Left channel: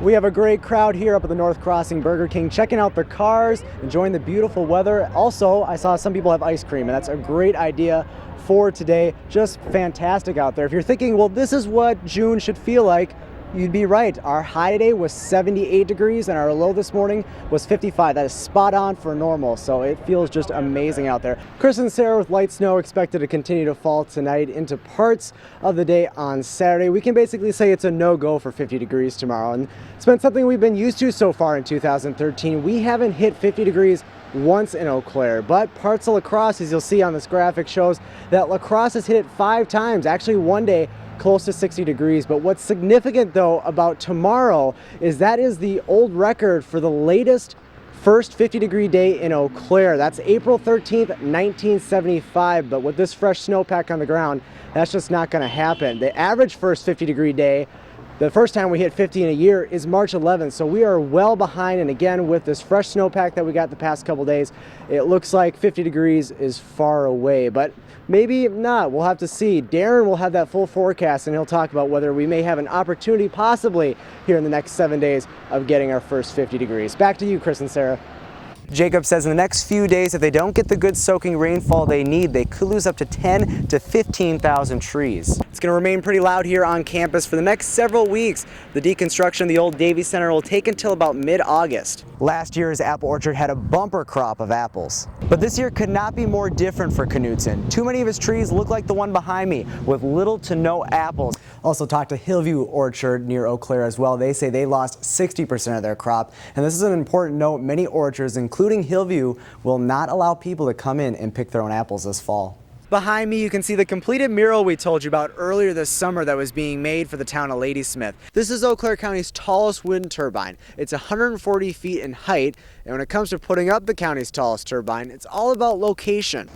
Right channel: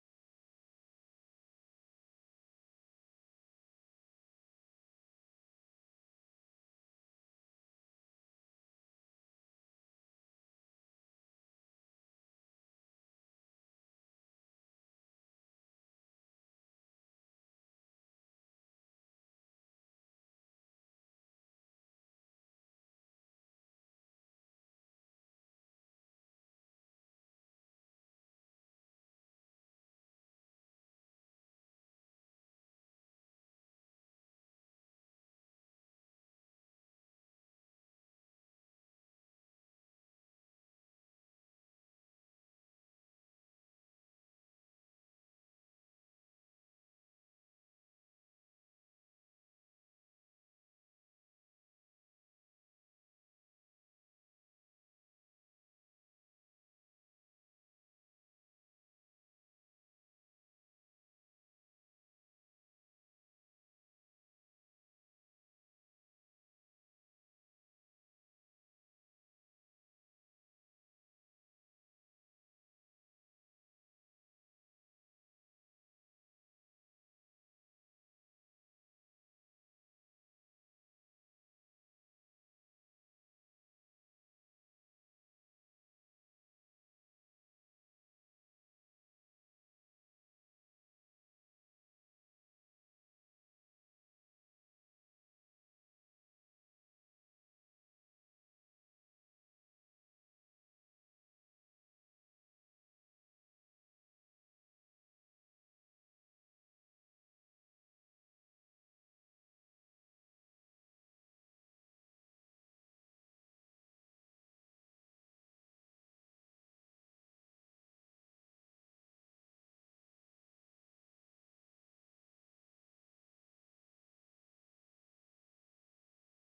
We have a great crowd here up at the North Crossing Burger King, checking out the cars, enjoying the beautiful weather. Also, I saw some people have ice cream, and that's a great idea for today. Just fantastic out there. If you're thinking, well, this is what June should feel like, you'd be right. Our high today was 78 degrees and our low this morning was 55. That is spot on for normal, so it feels just amazing out there. Chris and Sarah, with light snow expected to continue to fall tonight into parts of the day on Saturday, we can basically say it's a no-go for 50 degrees tomorrow. And it's been something we've been used to so far in 2013. We haven't hit 50 degrees once in Eau Claire, but parts of La Crosse, as you'll see on this graphic, shows that La Crosse has hit it 5 times, actually one day close to 60 degrees. But what's significant though about tomorrow is that is the old record for the latest first 50-degree day in Eau Claire. That's April 13th, 1975. But with this fresh snowpack on the ground, that's just not going to happen. The average first 50-degree day, the first time we hit 50 in a year, is March 11th, so we are well behind. And again, with this fresh snowpack that we got the past couple days, it looks like 50 degrees is far away, but maybe not. We'll have to see. Darren will have that full forecast, and he'll talk about whether we may have an opportunity possibly here in the next 7 days of getting our first 50 degrees. Back to you, Chris and Sarah. Jacob says in the next few days, if they don't get the good soaking rainfall they need, they could lose up to 10 to 15,000 trees. It's going to remain pretty loud here on campus for the next several weeks. The deconstruction of the old Davie Center will take until about mid-August. Last year's apple orchard had a bumper crop of apples. But this year could not be more different for Knutson. Too many of his trees look like the one behind me, with little to no apples. Also talked to Hillview Orchard near Eau Claire as well. They say they lost 60% of their crop. And this is an important note. Many orchards, including Hillview, will not allow people to come in and pick their own apples this fall. Behind me, you can see the completed mural we told you about earlier this summer that was being made for the town of Ladysmith. This is Eau Claire County's tallest wind turbine. It's 140 feet in height, and when it comes to putting up the county's tallest turbine, it's all about location.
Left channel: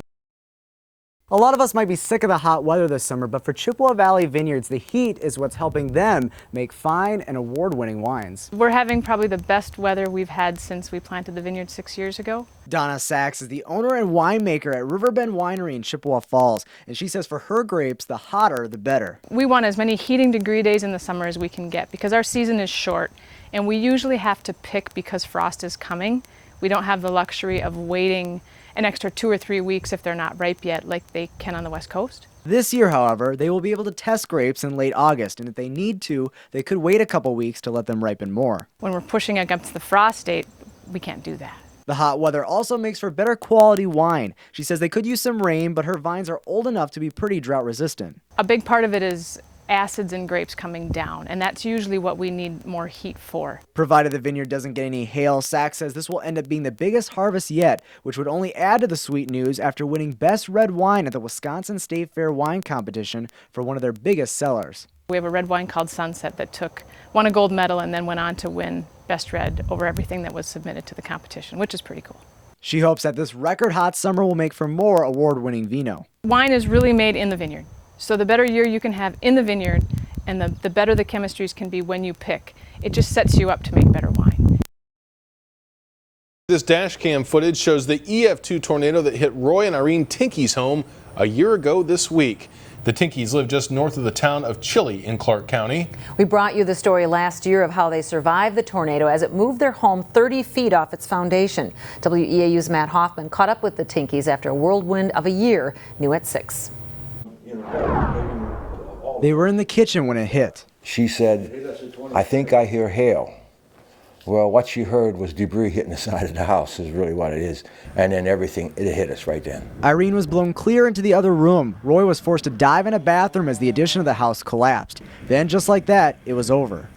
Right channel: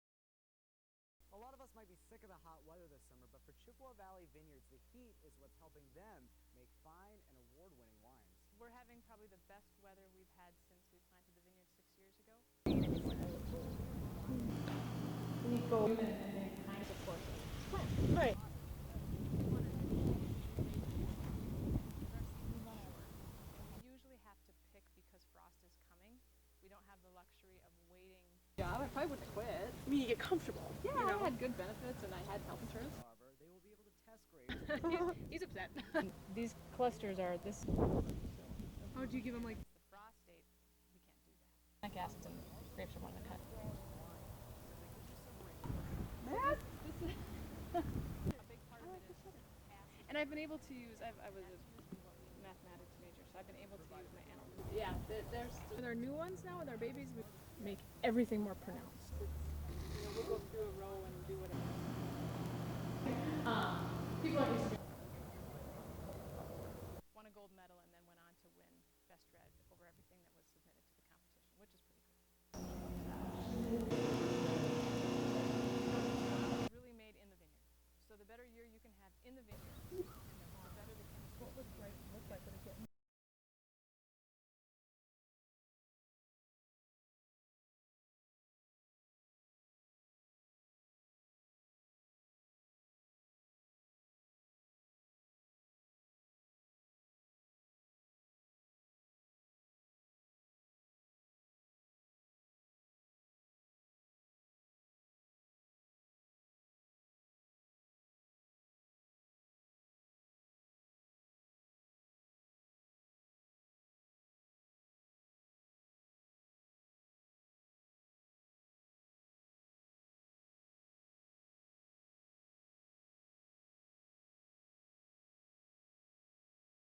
A lot of us might be sick of the hot weather this summer, but for Chippewa Valley Vineyards, the heat is what's helping them make fine and award-winning wines. We're having probably the best weather we've had since we planted the vineyard 6 years ago. Donna Sachs is the owner and winemaker at Riverbend Winery in Chippewa Falls, and she says for her grapes, the hotter the better. We want as many heating degree days in the summer as we can get because our season is short, and we usually have to pick because frost is coming. We don't have the luxury of waiting an extra 2 or 3 weeks if they're not ripe yet like they can on the West Coast. This year, however, they will be able to test grapes in late August, and if they need to, they could wait a couple weeks to let them ripen more. When we're pushing against the frost date, we can't do that. The hot weather also makes for better quality wine. She says they could use some rain, but her vines are old enough to be pretty drought resistant. A big part of it is acids in grapes coming down, and that's usually what we need more heat for. Provided the vineyard doesn't get any hail, Sachs says this will end up being the biggest harvest yet, which would only add to the sweet news after winning Best Red Wine at the Wisconsin State Fair Wine Competition for one of their biggest sellers. We have a red wine called Sunset that won a gold medal and then went on to win Best Red over everything that was submitted to the competition, which is pretty cool. She hopes that this record hot summer will make for more award-winning vino. Wine is really made in the vineyard. So the better year you can have in the vineyard and the better the chemistries can be when you pick, it just sets you up to make better wine. This dash cam footage shows the EF2 tornado that hit Roy and Irene Tinkey's home a year ago this week. The Tinkeys live just north of the town of Chile in Clark County. We brought you the story last year of how they survived the tornado as it moved their home 30 feet off its foundation. WEAU's Matt Hoffman caught up with the Tinkeys after a whirlwind of a year, new at 6. They were in the kitchen when it hit. She said, "I think I hear hail." Well, what she heard was debris hitting the side of the house is really what it is. And then everything, it hit us right then. Irene was blown clear into the other room. Roy was forced to dive in a bathroom as the addition of the house collapsed. Then, just like that, it was over.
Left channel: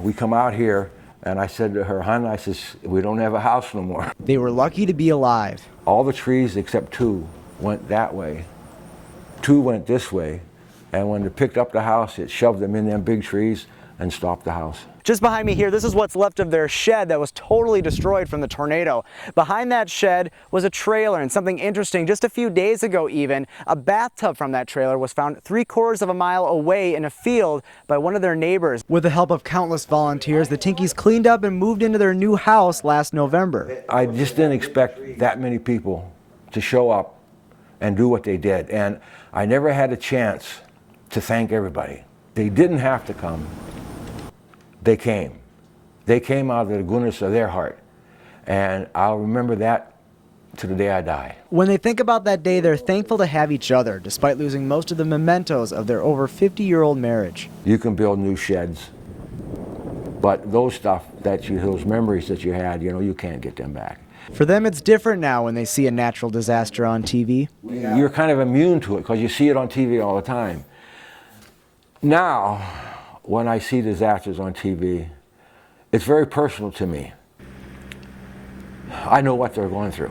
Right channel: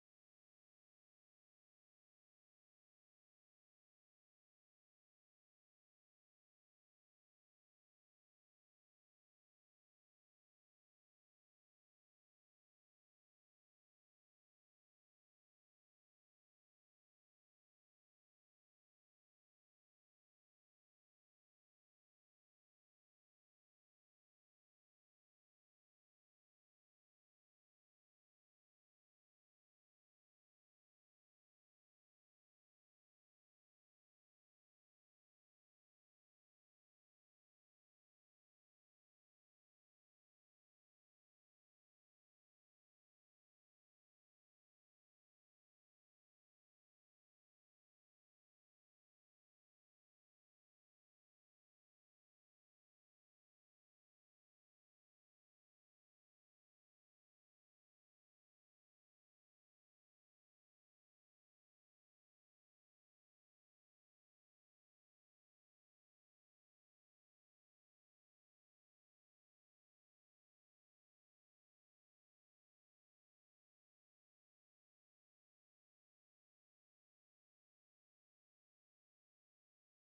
We come out here, and I said to her, "Hon," I says, "we don't have a house no more." They were lucky to be alive. All the trees except 2 went that way. 2 went this way. And when they picked up the house, it shoved them in them big trees and stopped the house. Just behind me here, this is what's left of their shed that was totally destroyed from the tornado. Behind that shed was a trailer, and something interesting, just a few days ago even, a bathtub from that trailer was found 3/4 of a mile away in a field by one of their neighbors. With the help of countless volunteers, the Tinkeys cleaned up and moved into their new house last November. I just didn't expect that many people to show up and do what they did, and I never had a chance to thank everybody. They didn't have to come. They came. They came out of the goodness of their heart. And I'll remember that to the day I die. When they think about that day, they're thankful to have each other, despite losing most of the mementos of their over 50-year-old marriage. You can build new sheds, but those memories that you had, you can't get them back. For them, it's different now when they see a natural disaster on TV. You're kind of immune to it because you see it on TV all the time. Now, when I see disasters on TV, it's very personal to me. I know what they're going through.